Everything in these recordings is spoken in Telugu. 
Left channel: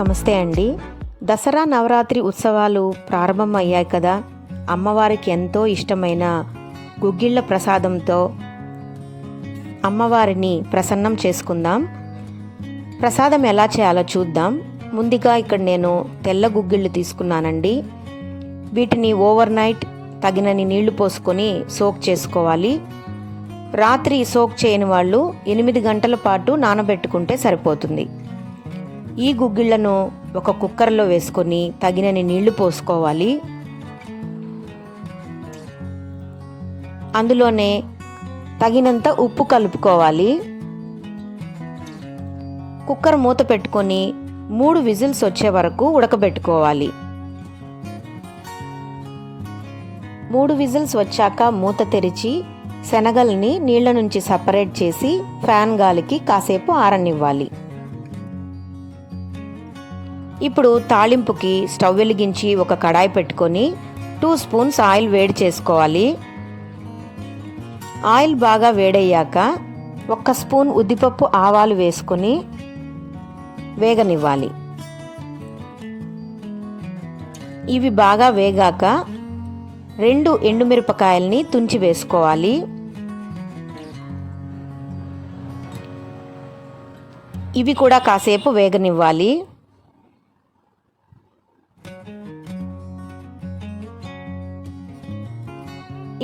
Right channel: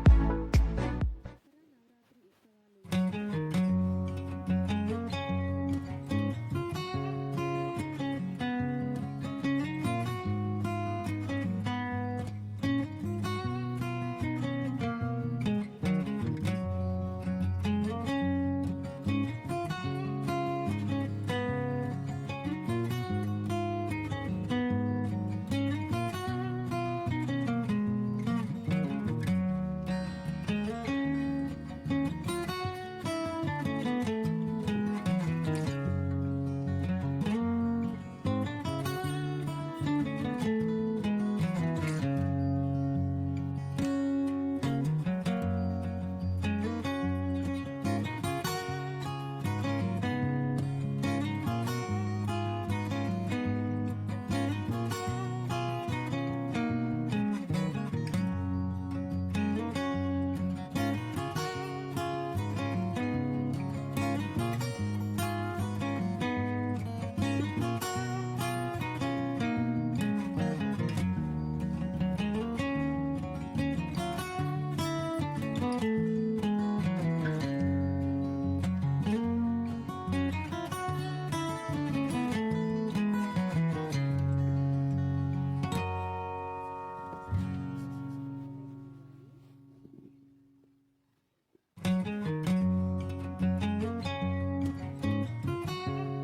నమస్తే అండి. దసరా నవరాత్రి ఉత్సవాలు ప్రారంభమయ్యాయి కదా. అమ్మవారికి ఎంతో ఇష్టమైన గుగ్గిళ్ళ ప్రసాదంతో అమ్మవారిని ప్రసన్నం చేసుకుందాం. ప్రసాదం ఎలా చేయాలో చూద్దాం. ముందుగా ఇక్కడ నేను తెల్ల గుగ్గిళ్ళు తీసుకున్నానండి. వీటిని ఓవర్ నైట్ తగినన్ని నీళ్లు పోసుకొని సోక్ చేసుకోవాలి. రాత్రి సోక్ చేయని వాళ్ళు 8 గంటల పాటు నానబెట్టుకుంటే సరిపోతుంది. ఈ గుగ్గిళ్లను ఒక కుక్కర్లో వేసుకొని తగినన్ని నీళ్లు పోసుకోవాలి. అందులోనే తగినంత ఉప్పు కలుపుకోవాలి. కుక్కర్ మూత పెట్టుకొని 3 విజిల్స్ వచ్చే వరకు ఉడకబెట్టుకోవాలి. 3 విజిల్స్ వచ్చాక మూత తెరిచి శనగల్ని నీళ్ల నుంచి సపరేట్ చేసి ఫ్యాన్ గాలికి కాసేపు ఆరనివ్వాలి. ఇప్పుడు తాళింపుకి స్టవ్ వెలిగించి ఒక కడాయి పెట్టుకొని 2 స్పూన్స్ ఆయిల్ వేడి చేసుకోవాలి. ఆయిల్ బాగా వేడయ్యాక 1 స్పూన్ ఉద్దిపప్పు ఆవాలు వేసుకొని వేగనివ్వాలి. ఇవి బాగా వేగాక 2 ఎండుమిరపకాయల్ని తుంచి వేసుకోవాలి. ఇవి కూడా కాసేపు వేగనివ్వాలి.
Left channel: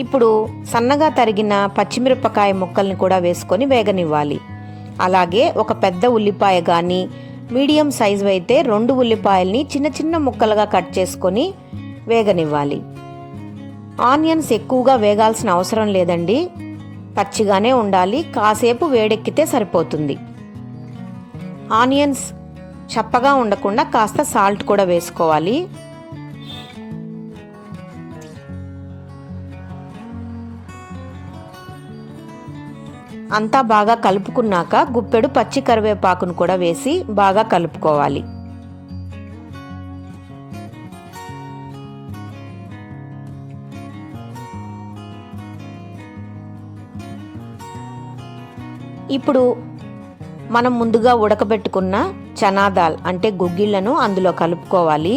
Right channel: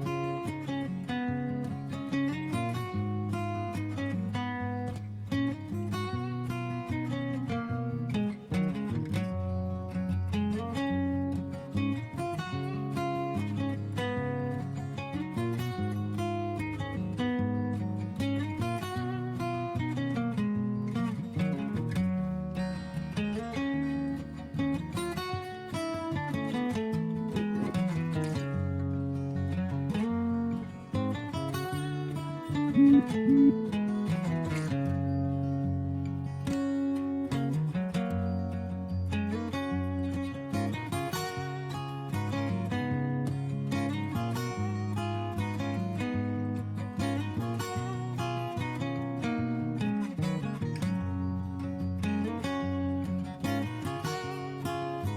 ఇప్పుడు సన్నగా తరిగిన పచ్చిమిరపకాయ ముక్కల్ని కూడా వేసుకొని వేగనివ్వాలి. అలాగే ఒక పెద్ద ఉల్లిపాయ కానీ మీడియం సైజు అయితే 2 ఉల్లిపాయల్ని చిన్న చిన్న ముక్కలుగా కట్ చేసుకొని వేగనివ్వాలి. ఆనియన్స్ ఎక్కువగా వేగాల్సిన అవసరం లేదండి, పచ్చిగానే ఉండాలి. కాసేపు వేడెక్కితే సరిపోతుంది. ఆనియన్స్ చప్పగా ఉండకుండా కాస్త సాల్ట్ కూడా వేసుకోవాలి. అంతా బాగా కలుపుకున్నాక గుప్పెడు పచ్చి కరివేపాకును కూడా వేసి బాగా కలుపుకోవాలి. ఇప్పుడు మనం ముందుగా ఉడకబెట్టుకున్న చనా దాల్ అంటే గుగ్గిళ్లను అందులో కలుపుకోవాలి.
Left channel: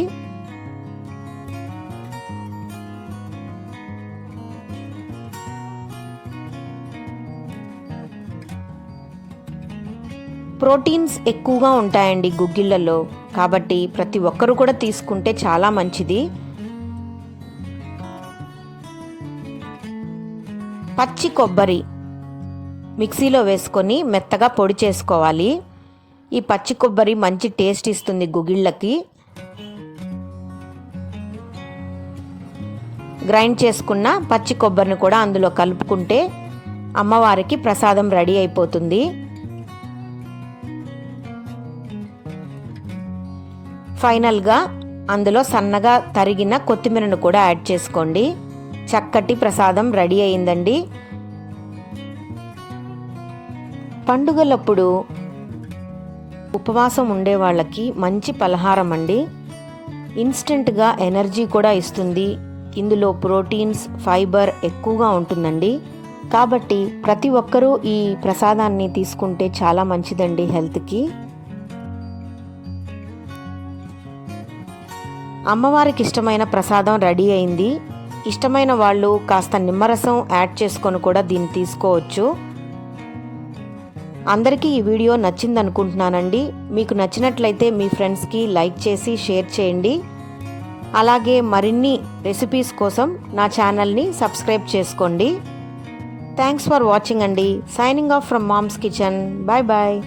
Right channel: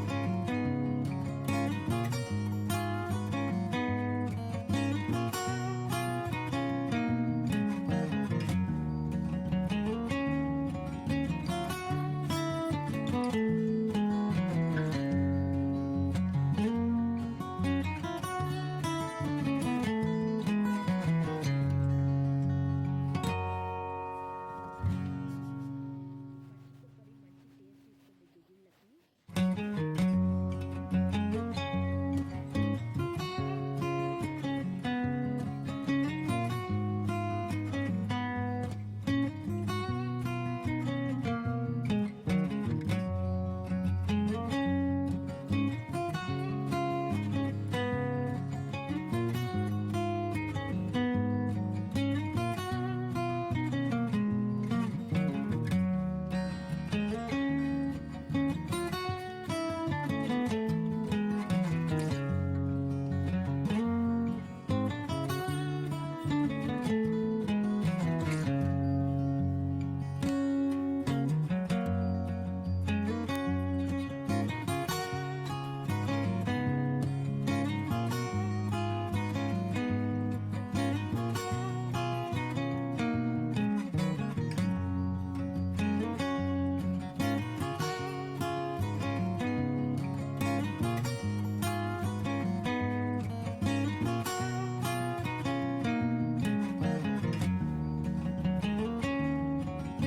ప్రోటీన్స్ ఎక్కువగా ఉంటాయండి గుగ్గిళ్ళలో, కాబట్టి ప్రతి ఒక్కరు కూడా తీసుకుంటే చాలా మంచిది. పచ్చి కొబ్బరి మిక్సీలో వేసుకొని మెత్తగా పొడి చేసుకోవాలి. ఈ పచ్చి కొబ్బరి మంచి టేస్ట్ ఇస్తుంది గుగ్గిళ్ళకి. గ్రైండ్ చేసుకున్న పచ్చి కొబ్బరిని కూడా అందులో కలుపుకుంటే అమ్మవారికి ప్రసాదం రెడీ అయిపోతుంది. ఫైనల్గా అందులో సన్నగా తరిగిన కొత్తిమీరను కూడా యాడ్ చేసుకోండి. చక్కటి ప్రసాదం రెడీ అయిందండి. పండుగలప్పుడు ఉపవాసం ఉండే వాళ్ళకి మంచి పలహారం అండి. ఇన్స్టెంట్గా ఎనర్జీ కూడా ఇస్తుంది. ఇందులో ప్రోటీన్స్, ఫైబర్ ఎక్కువగా ఉంటుందండి. కాబట్టి ప్రతి ఒక్కరూ ఈ ప్రసాదాన్ని తీసుకుంటే చాలా మంచిదండి హెల్త్కి. అమ్మవారికి ఇష్టమైన ప్రసాదం రెడీ అయింది. ఇష్టమైన వాళ్ళు కాస్త నిమ్మరసం యాడ్ చేసుకొని కూడా దీన్ని తీసుకోవచ్చు. అందరికీ ఈ వీడియో నచ్చిందనుకుంటున్నానండి. మీకు నచ్చినట్లయితే మీ ఫ్రెండ్స్కి లైక్ చేసి షేర్ చేయండి. అలాగే మరిన్ని రెసిపీస్ కోసం నా ఛానల్ని సబ్స్క్రైబ్ చేసుకోండి. థ్యాంక్స్ ఫర్ వాచింగ్ అండి. Signing off from mom's kitchen. Bye bye.